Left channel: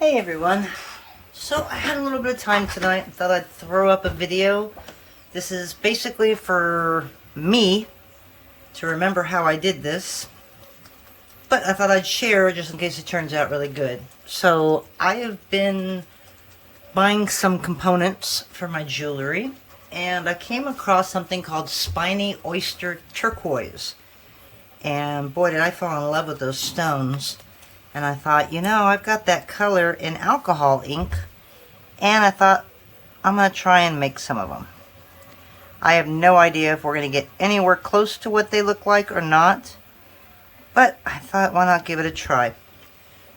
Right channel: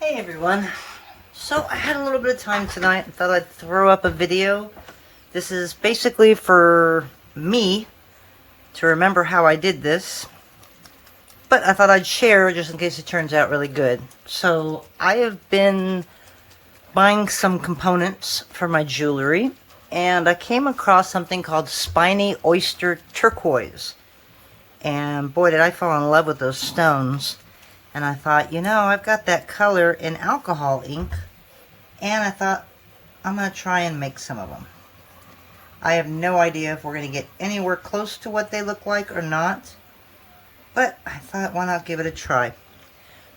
Hey everyone. So I had a little bit of time tonight and thought I'd throw up a video. This is basically for me to remember how I did this, but I thought I'd share just in case it turns out really good. So I have been buying some components for my jewelry, and I came across something called Spiny Oyster Turquoise. And boy, did I fall in love with those stones. And I thought, you know, I've got that color in alcohol ink, and I thought, I'm going to try and make some of them. I have no idea if we're going to get anywhere close to what they look like or not, but I thought, why not give it a try?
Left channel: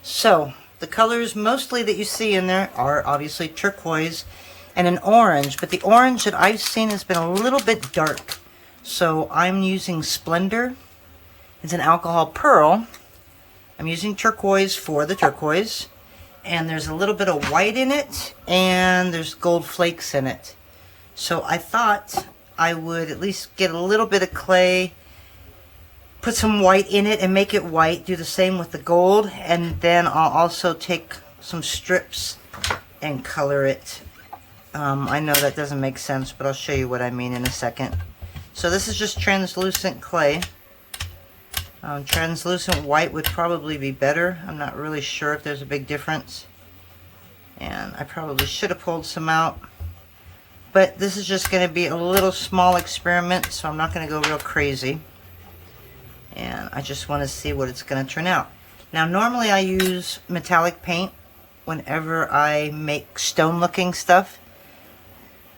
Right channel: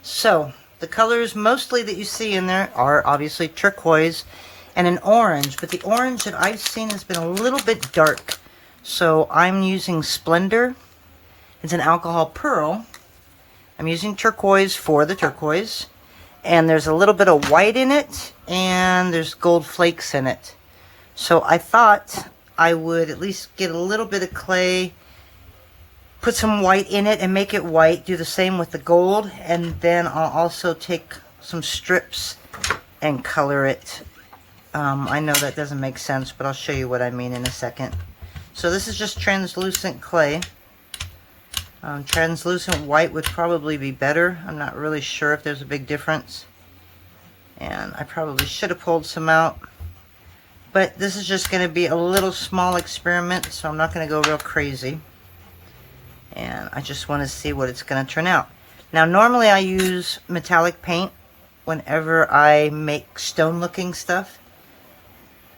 So, the colors mostly that you see in there are obviously turquoise and an orange, but the orange that I've seen has been a little bit dark. So, I'm using Splendor. It's an alcohol pearl. I'm using turquoise for the turquoise, and there's a little bit of white in it, and there's gold flakes in it. So I thought I would at least get a little bit of clay, put some white in it and make it white, do the same with the gold, and then I'll also take some strips and color it. I know that doesn't make sense, but I'll show you what I mean in a second. So this is just translucent clay. Translucent white would probably be better. I'm not really sure if there's a big difference. And I probably should have pulled some out. But this is just going to be a little small experiment, so I'm not going to go real crazy. And I just want to see what it's going to turn out. Now, normally I use metallic paint whenever I make stone-looking stuff.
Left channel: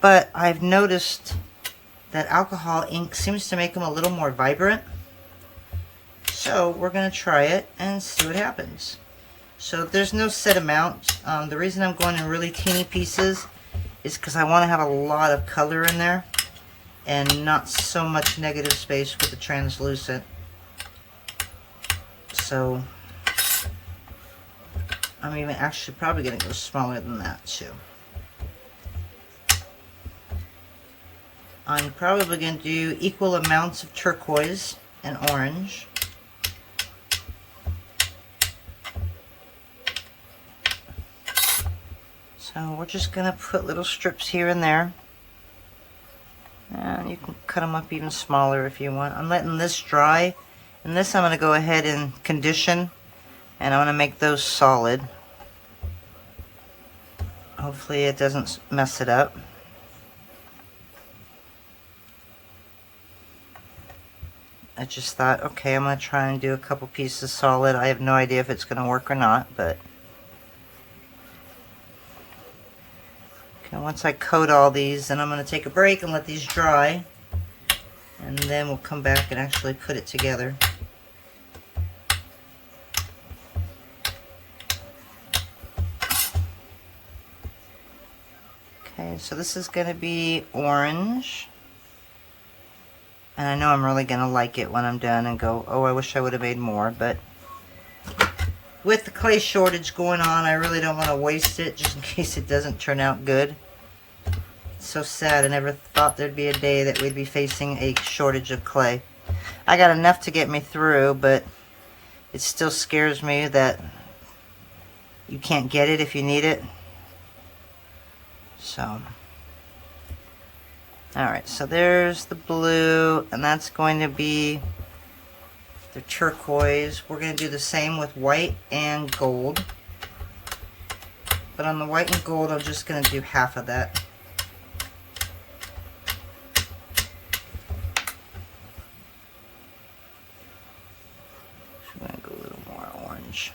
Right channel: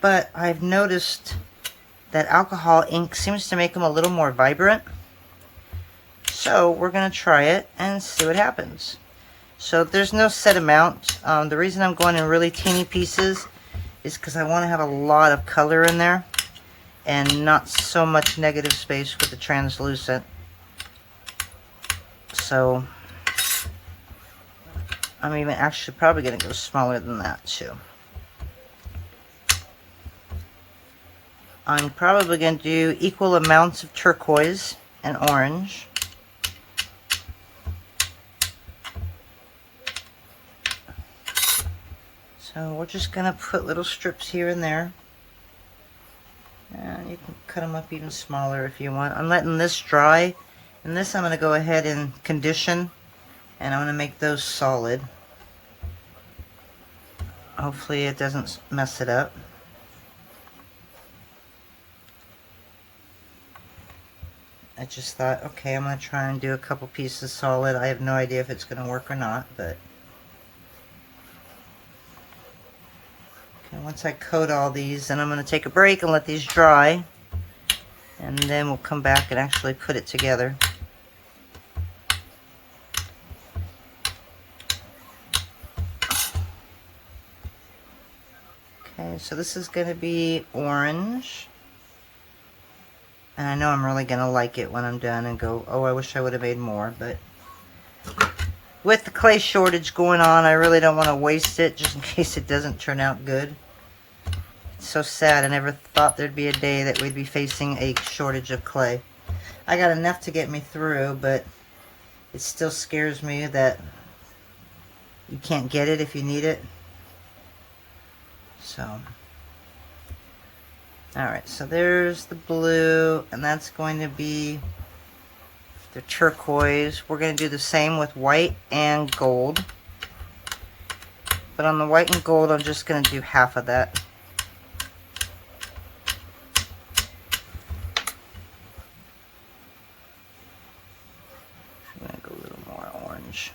But I've noticed that alcohol ink seems to make them a little more vibrant. So we're going to try it and see what happens. So there's no set amount. The reason I'm going in really teeny pieces is because I want to have a lot of color in there and not so much negative space with the translucent. So I'm even actually probably going to go smaller than that too. I'm probably going to do equal amounts of turquoise and orange. So we're just going to put little strips here and there. And you can cut them up even smaller if you want. I'm letting this dry. And this I'm going to go ahead and condition. And I'm going to make those solid. Hopefully it doesn't mess it up. I just thought, okay, I'm going to try and do a couple pieces solid. I have no idea if it's going to work or not, but... Okay, once I coat all these, then I'm going to take a break and let these dry. And then we'll come back and actually put it together. Okay, so this is going to be orange. And I know I'm really going to like it when I'm done and go, oh, I wish I would have made more. But with the clay shortage going on, I really don't want to waste it just in case it doesn't turn out good. It's so sad. I never thought there'd be a day that we'd be facing a shortage of clay. I got enough to get me through, but it still scares me that you can't get it if you need it. So, alright, so there's the blue, and that's going to be the turquoise. We're going to do the same with white and gold. But on the white and gold, I'm just going to do half of that. So I'm going to go a little more orange.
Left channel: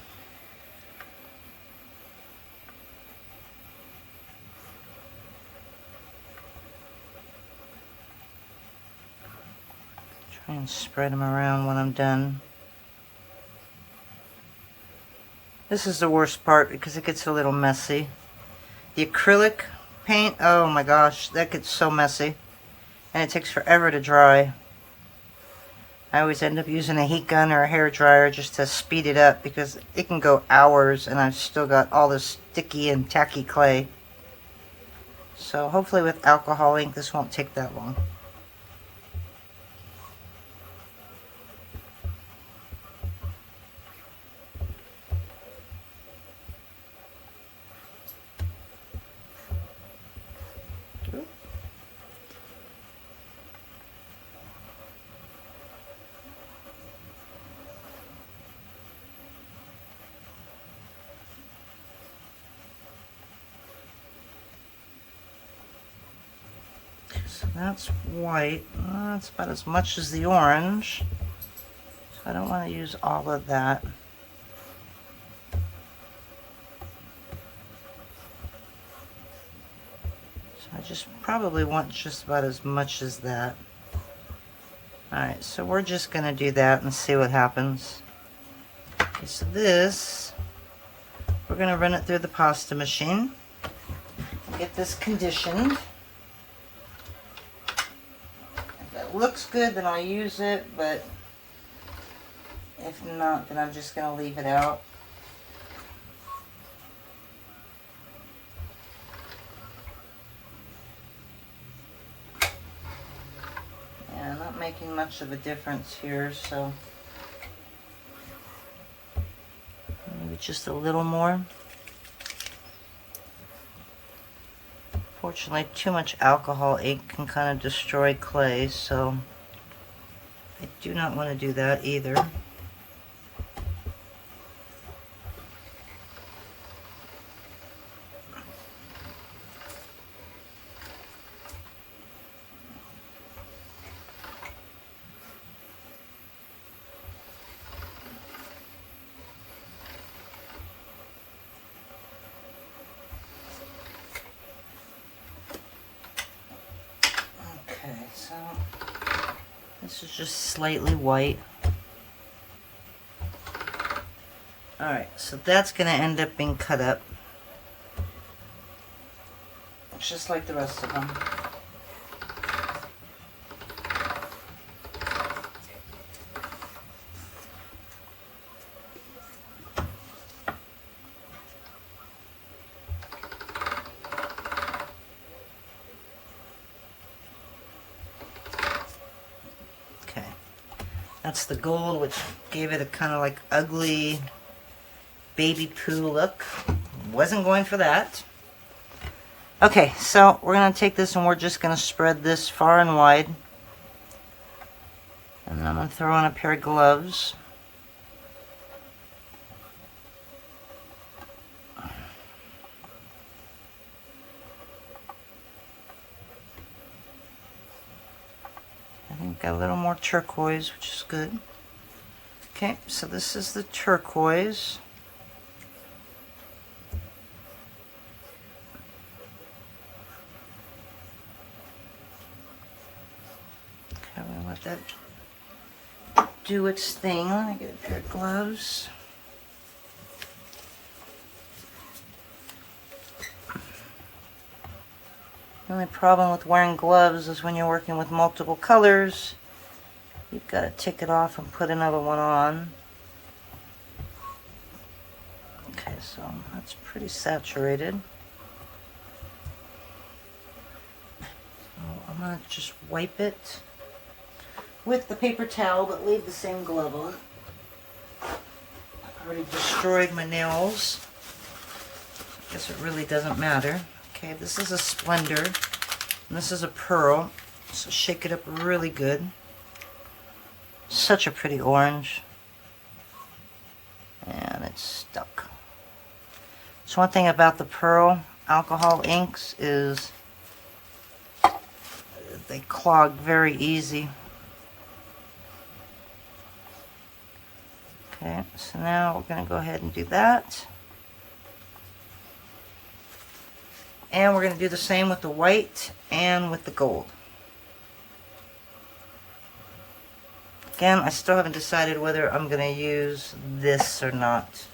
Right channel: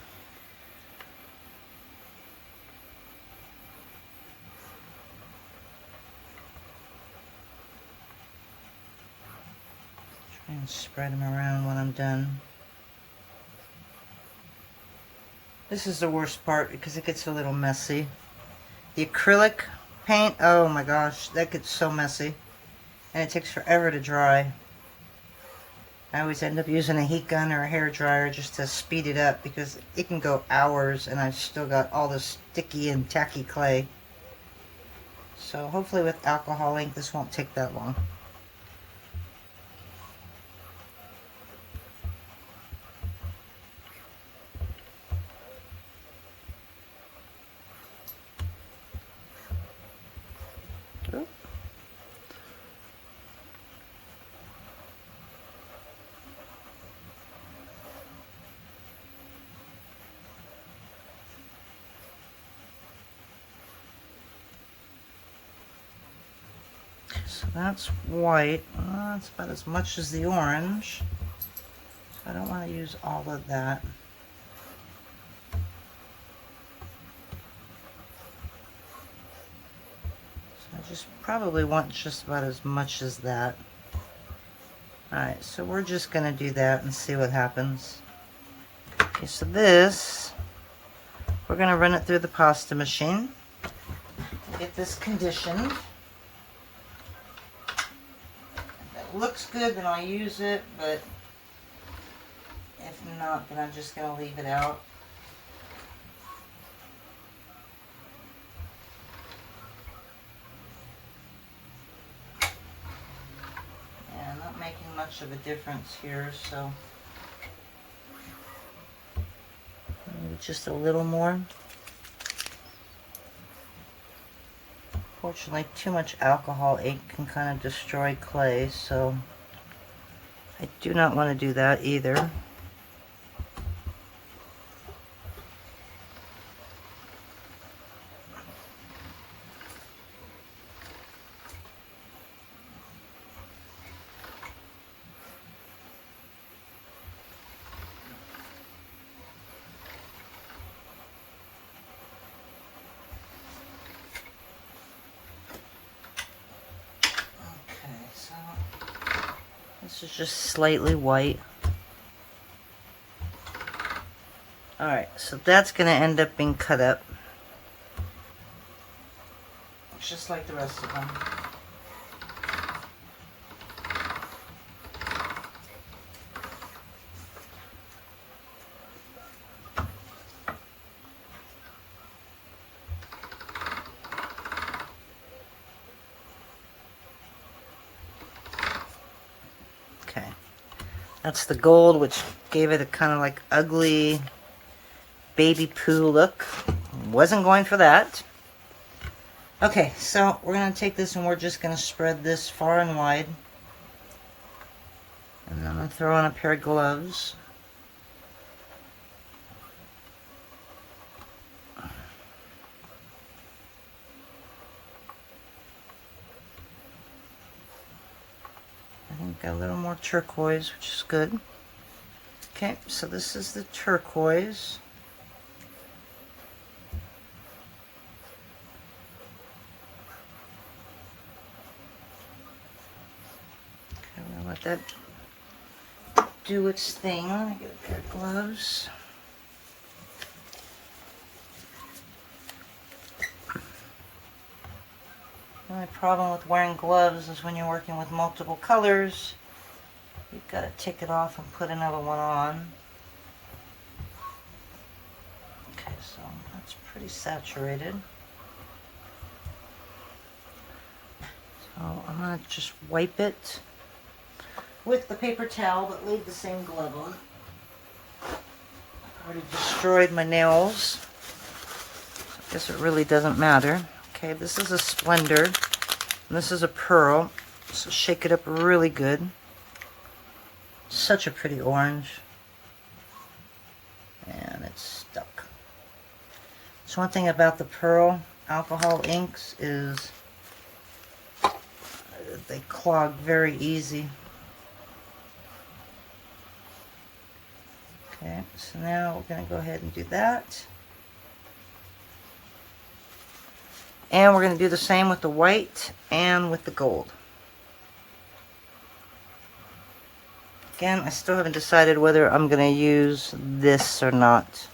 Try and spread them around when I'm done. This is the worst part because it gets a little messy. The acrylic paint, oh my gosh, that gets so messy. And it takes forever to dry. I always end up using a heat gun or a hair dryer just to speed it up because it can go hours and I've still got all this sticky and tacky clay. So hopefully with alcohol ink this won't take that long. So that's white. That's about as much as the orange. I don't want to use all of that. So I just probably want just about as much as that. Alright, so we're just going to do that and see what happens. Okay, so this, we're going to run it through the pasta machine. Get this conditioned. If it looks good, then I'll use it, but if not, then I'm just going to leave it out. Yeah, I'm not making much of a difference here, so maybe just a little more. Fortunately, too much alcohol ink can kind of destroy clay, so I do not want to do that either. So this is just slightly white. Alright, so that's going to end up being cut up. Just like the rest of them. Okay, that's the gold, which gave it a kind of like ugly baby poo look. Wasn't going for that. Okay, so we're going to take this and we're just going to spread this far and wide. And then I'm going to throw on a pair of gloves. I think got a little more turquoise, which is good. Okay, so this is the turquoise. Okay, I'm gonna let that do its thing. Let me get a pair of gloves. The only problem with wearing gloves is when you're working with multiple colors, you've got to take it off and put another one on. Okay, so that's pretty saturated. So I'm going to just wipe it with the paper towel, but leave the same glove on. I've already destroyed my nails. I guess it really doesn't matter. Okay, this is a Splendor, and this is a Pearl, so shake it up really good. Such a pretty orange. And it's stuck. So one thing about the Pearl alcohol inks is they clog very easy. Okay, so now we're going to go ahead and do that. And we're going to do the same with the white and with the gold. Again, I still haven't decided whether I'm going to use this or not.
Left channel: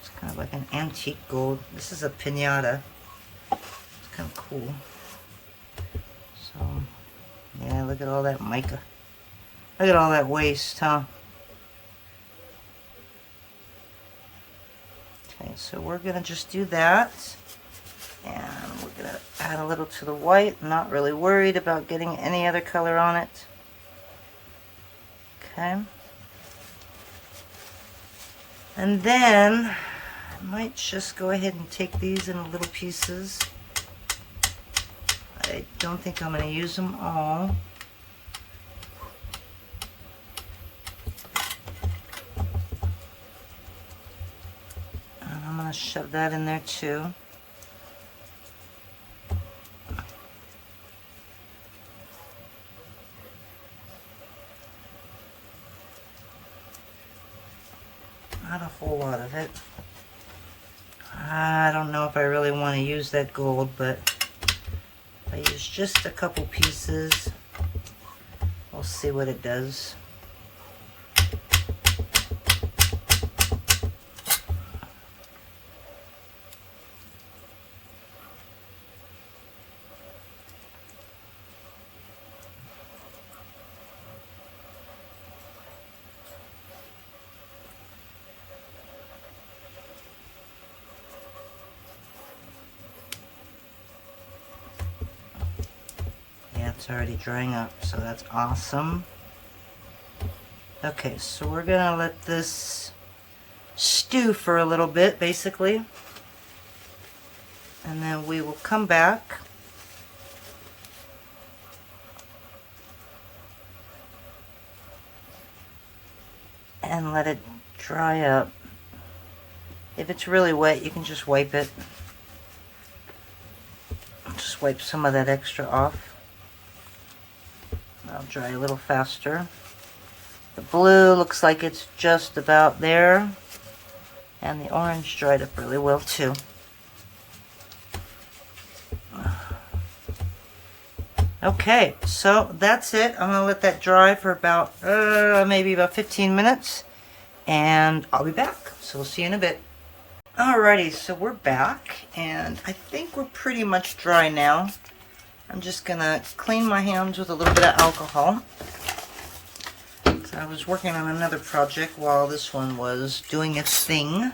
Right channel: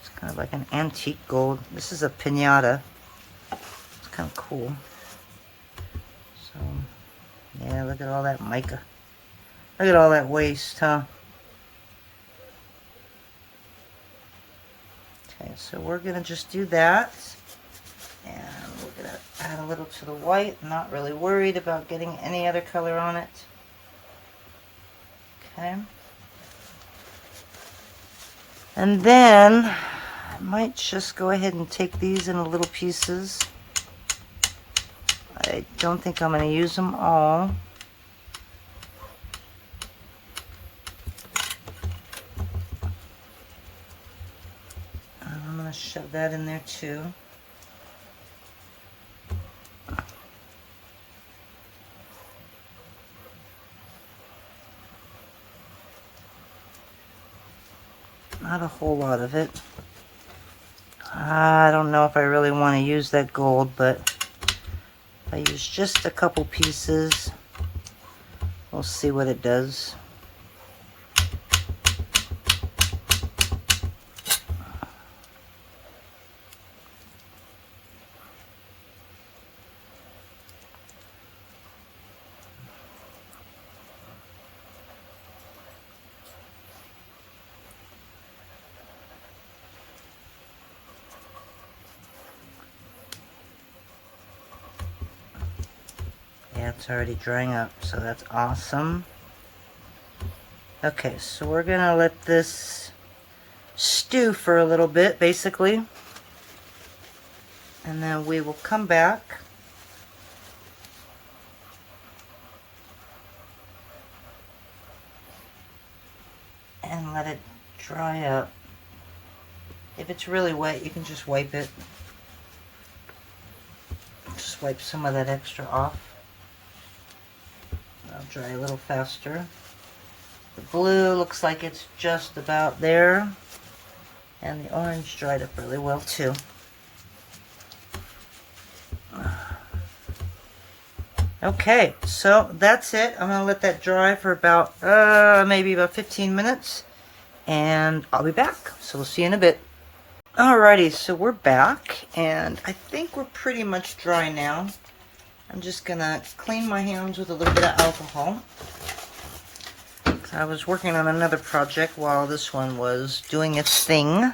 It's kind of like an antique gold. This is a piñata. It's kind of cool. So, yeah, look at all that mica. Look at all that waste, huh? Okay, so we're going to just do that, and we're going to add a little to the white. Not really worried about getting any other color on it. Okay. And then I might just go ahead and take these in little pieces. I don't think I'm going to use them all. shove that in there too. Not a whole lot of it. I don't know if I really want to use that gold, but if I use just a couple pieces, we'll see what it does. Yeah, it's already drying up, so that's awesome. Okay, so we're gonna let this stew for a little bit, basically. And then we will come back. And let it dry up. If it's really wet, you can just wipe it. Just wipe some of that extra off. I'll dry a little faster. The blue looks like it's just about there. And the orange dried up really well too. Okay, so that's it. I'm gonna let that dry for about, maybe about 15 minutes. And I'll be back. So we'll see you in a bit. Alrighty, so we're back. And I think we're pretty much dry now. I'm just gonna clean my hands with a little bit of alcohol. I was working on another project while this one was doing its thing.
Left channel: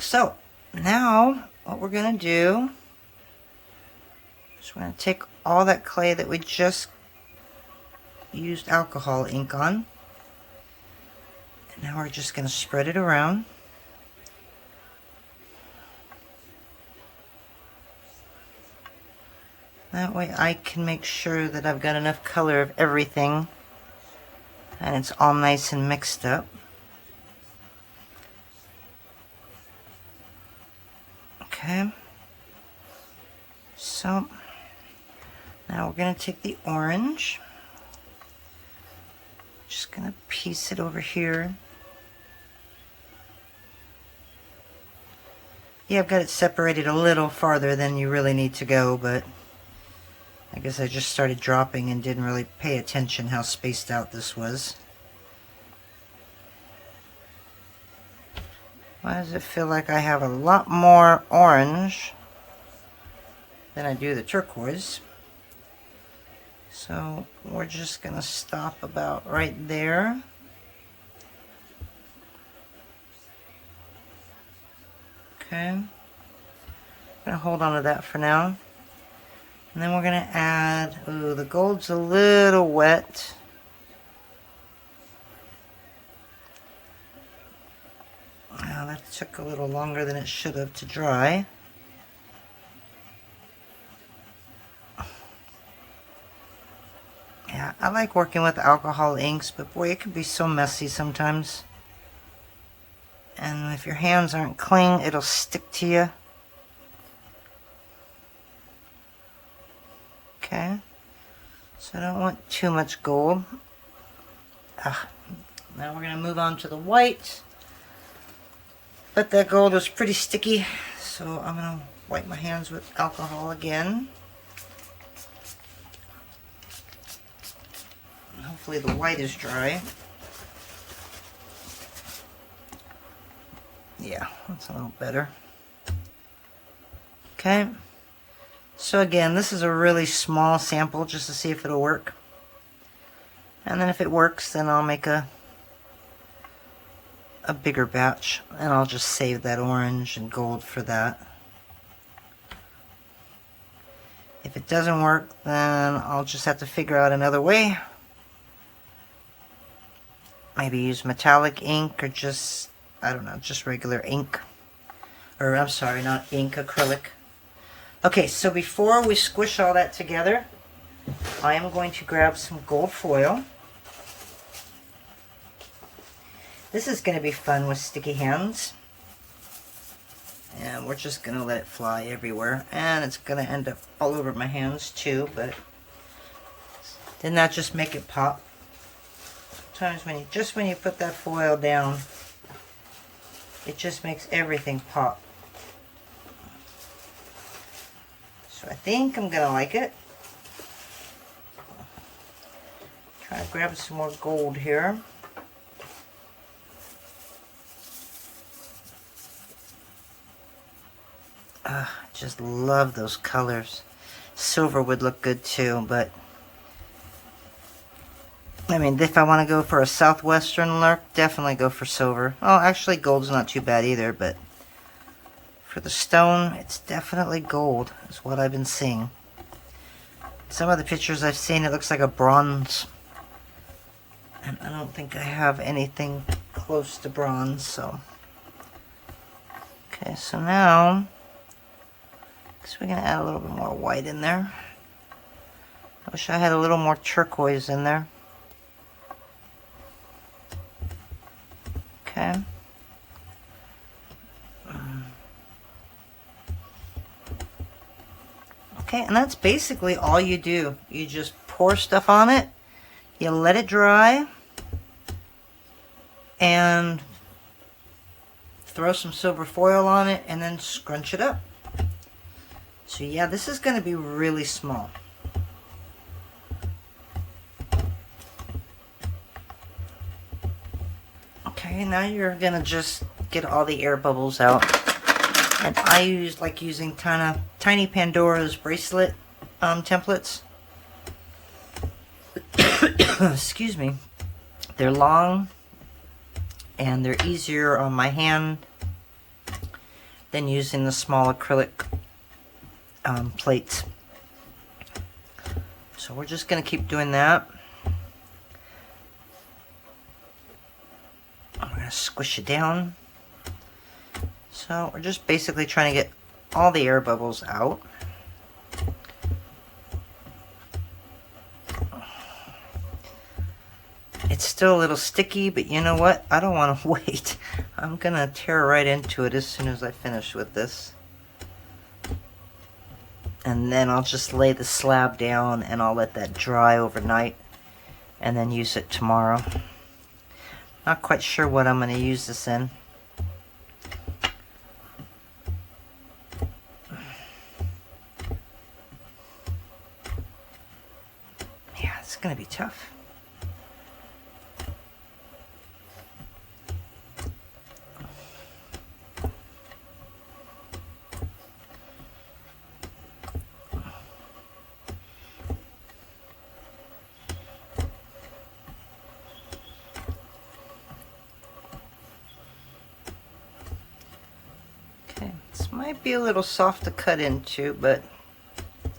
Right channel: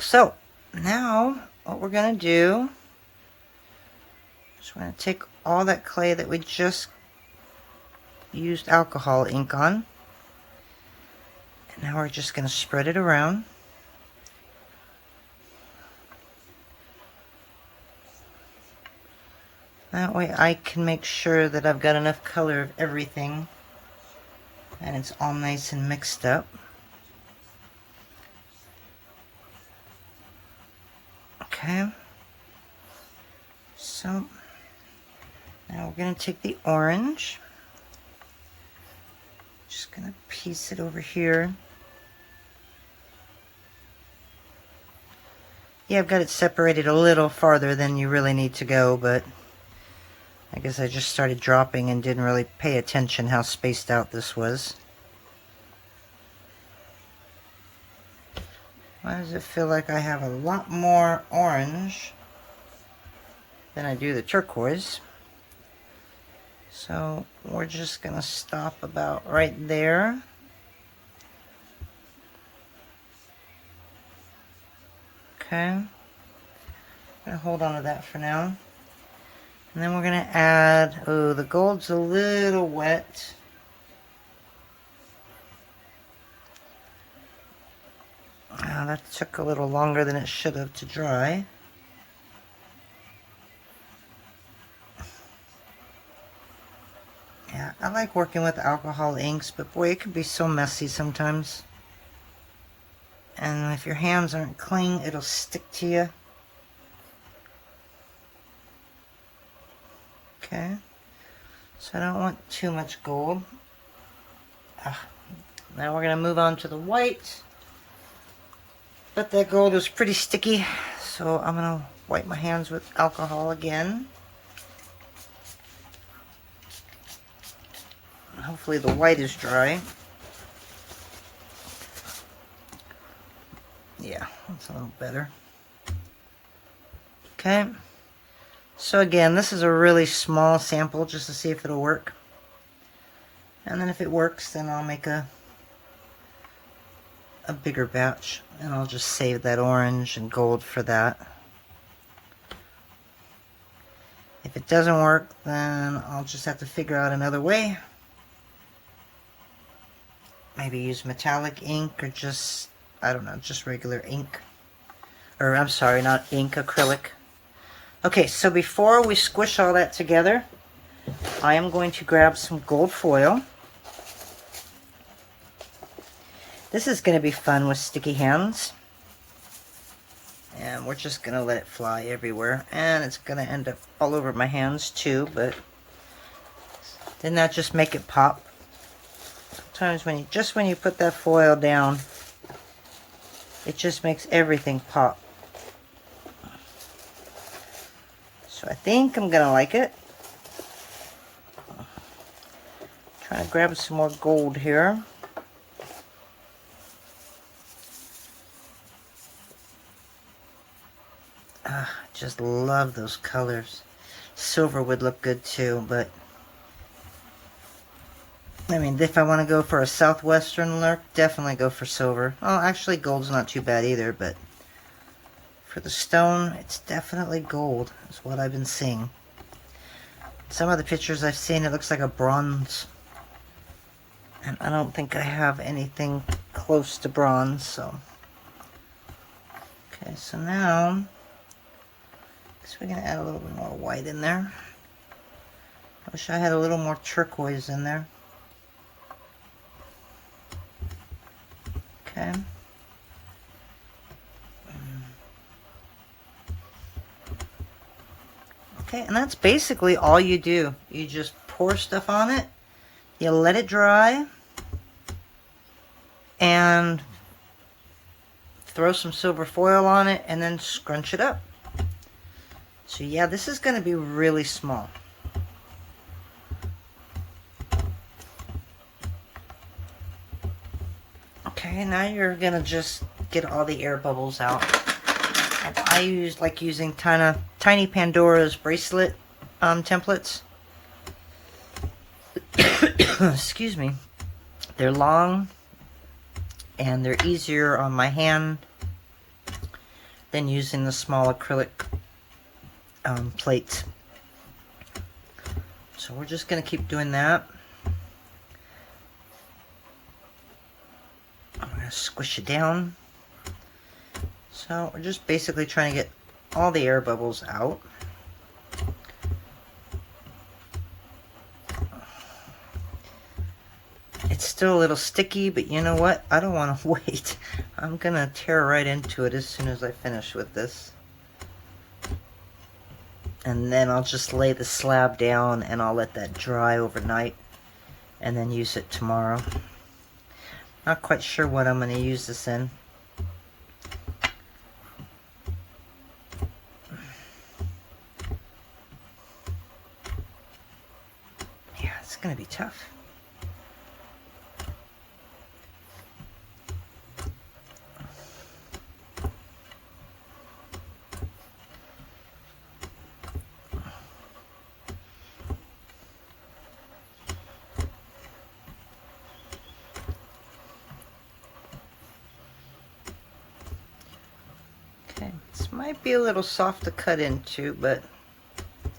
So now what we're gonna do is we're gonna take all that clay that we just used alcohol ink on, and now we're just gonna spread it around. That way I can make sure that I've got enough color of everything and it's all nice and mixed up. Okay. So now we're going to take the orange. Just going to piece it over here. Yeah, I've got it separated a little farther than you really need to go, but I guess I just started dropping and didn't really pay attention how spaced out this was. Why does it feel like I have a lot more orange than I do the turquoise? So we're just going to stop about right there. Okay. I'm going to hold on to that for now. And then we're going to add, oh, the gold's a little wet. Oh, that took a little longer than it should have to dry. Yeah, I like working with alcohol inks, but boy, it can be so messy sometimes. And if your hands aren't clean, it'll stick to you. Okay, so I don't want too much gold. Now we're going to move on to the white. But that gold was pretty sticky, so I'm going to wipe my hands with alcohol again. Hopefully the white is dry. Yeah, that's a little better. Okay. So again, this is a really small sample just to see if it'll work. And then if it works, then I'll make a bigger batch. And I'll just save that orange and gold for that. If it doesn't work, then I'll just have to figure out another way. Maybe use metallic ink or just, I don't know, just regular ink. Or I'm sorry, not ink, acrylic. Okay, so before we squish all that together, I am going to grab some gold foil. This is going to be fun with sticky hands. And we're just gonna let it fly everywhere. And it's gonna end up all over my hands too, but didn't that just make it pop? Sometimes when you put that foil down, it just makes everything pop. So I think I'm gonna like it. Try to grab some more gold here. Just love those colors. Silver would look good too, but I mean, if I want to go for a southwestern look, definitely go for silver. Oh, actually gold's not too bad either, but for the stone, it's definitely gold, is what I've been seeing. Some of the pictures I've seen, it looks like a bronze. And I don't think I have anything close to bronze, so. Okay, so now, we're going to add a little bit more white in there. I wish I had a little more turquoise in there. Okay. Okay, and that's basically all you do. You just pour stuff on it, you let it dry, and throw some silver foil on it, and then scrunch it up. So yeah, this is going to be really small. Okay, now you're going to just get all the air bubbles out. And I like using tiny Pandora's bracelet templates. Excuse me. They're long and they're easier on my hand than using the small acrylic plates. So we're just going to keep doing that. I'm going to squish it down. So we're just basically trying to get all the air bubbles out. It's still a little sticky, but you know what? I don't want to wait. I'm going to tear right into it as soon as I finish with this. And then I'll just lay the slab down and I'll let that dry overnight and then use it tomorrow. Not quite sure what I'm going to use this in. Yeah, it's going to be tough. Okay, this might be a little soft to cut into, but I'm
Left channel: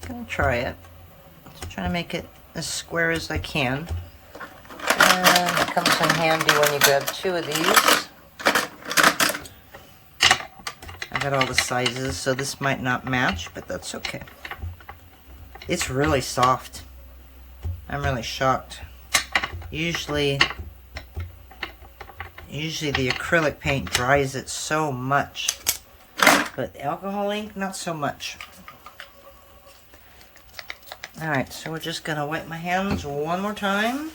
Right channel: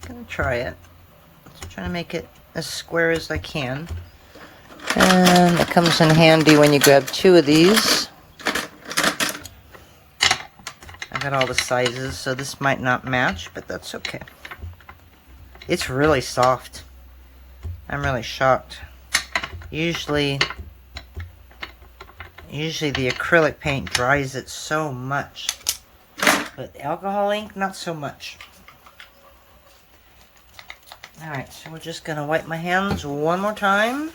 gonna try it. Just trying to make it as square as I can. And it comes in handy when you grab two of these. I got all the sizes, so this might not match, but that's okay. It's really soft. I'm really shocked. Usually the acrylic paint dries it so much, but the alcohol ink, not so much. Alright, so we're just going to wipe my hands one more time.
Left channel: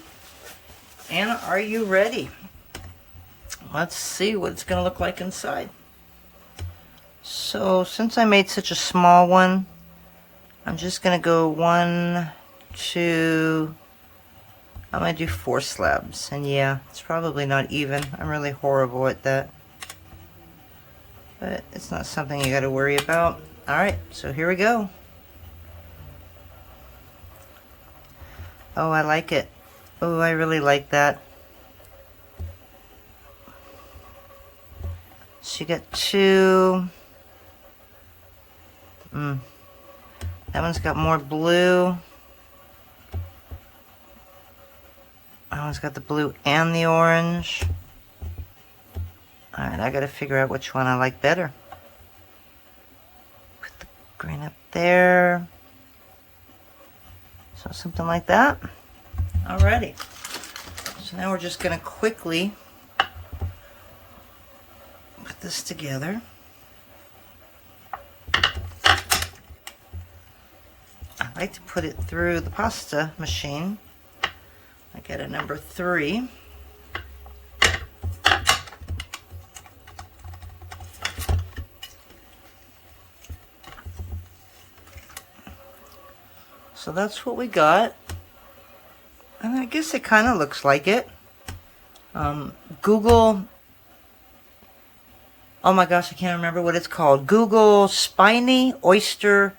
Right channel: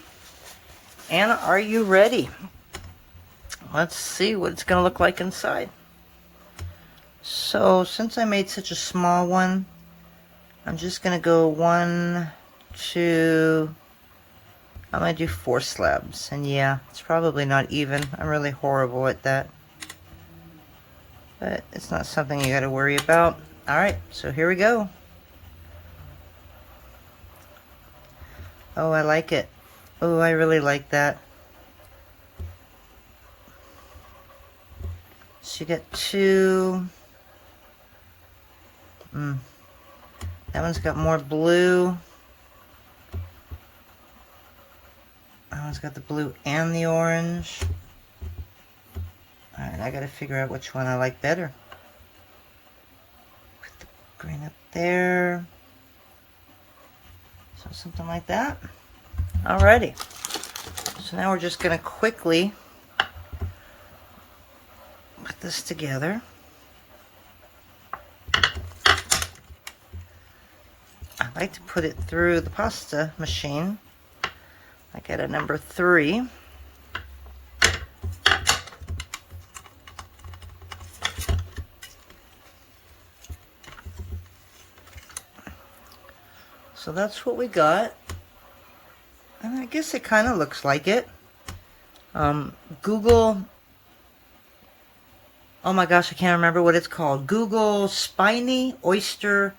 And are you ready? Let's see what it's going to look like inside. So, since I made such a small one, I'm just going to go 1, 2... I'm going to do 4 slabs, and yeah, it's probably not even. I'm really horrible at that. But it's not something you got to worry about. Alright, so here we go. Oh, I like it. Oh, I really like that. So you got 2. That one's got more blue. That one's got the blue and the orange. Alright, I gotta figure out which one I like better. Put the green up there. So something like that. Alrighty. So now we're just gonna quickly put put this together. I like to put it through the pasta machine. I get a number 3. So that's what we got. And I guess it kind of looks like it. Google, oh my gosh, I can't remember what it's called. Google Spiny Oyster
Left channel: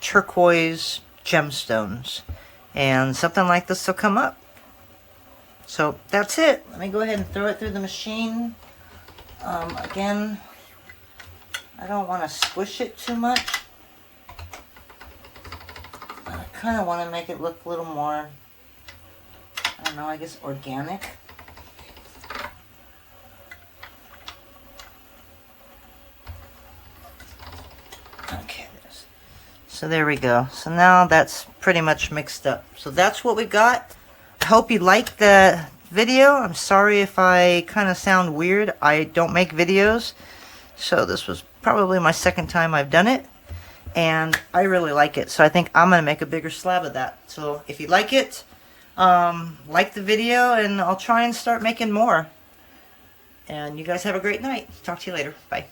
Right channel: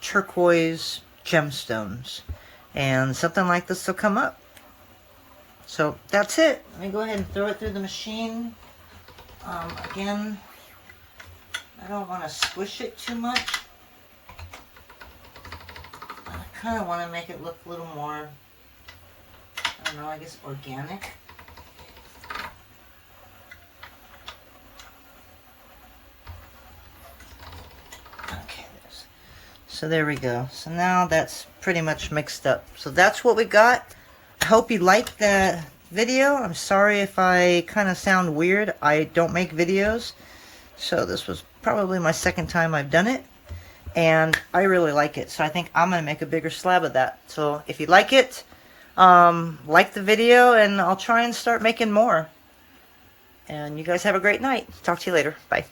Turquoise gemstones. And something like this will come up. So that's it. Let me go ahead and throw it through the machine. Again, I don't want to squish it too much. I kind of want to make it look a little more, I don't know, I guess organic. Okay, so there we go. So now that's pretty much mixed up. So that's what we got. I hope you liked the video. I'm sorry if I kind of sound weird. I don't make videos. So this was probably my second time I've done it. And I really like it. So I think I'm going to make a bigger slab of that. So if you like it, like the video, and I'll try and start making more. And you guys have a great night. Talk to you later. Bye.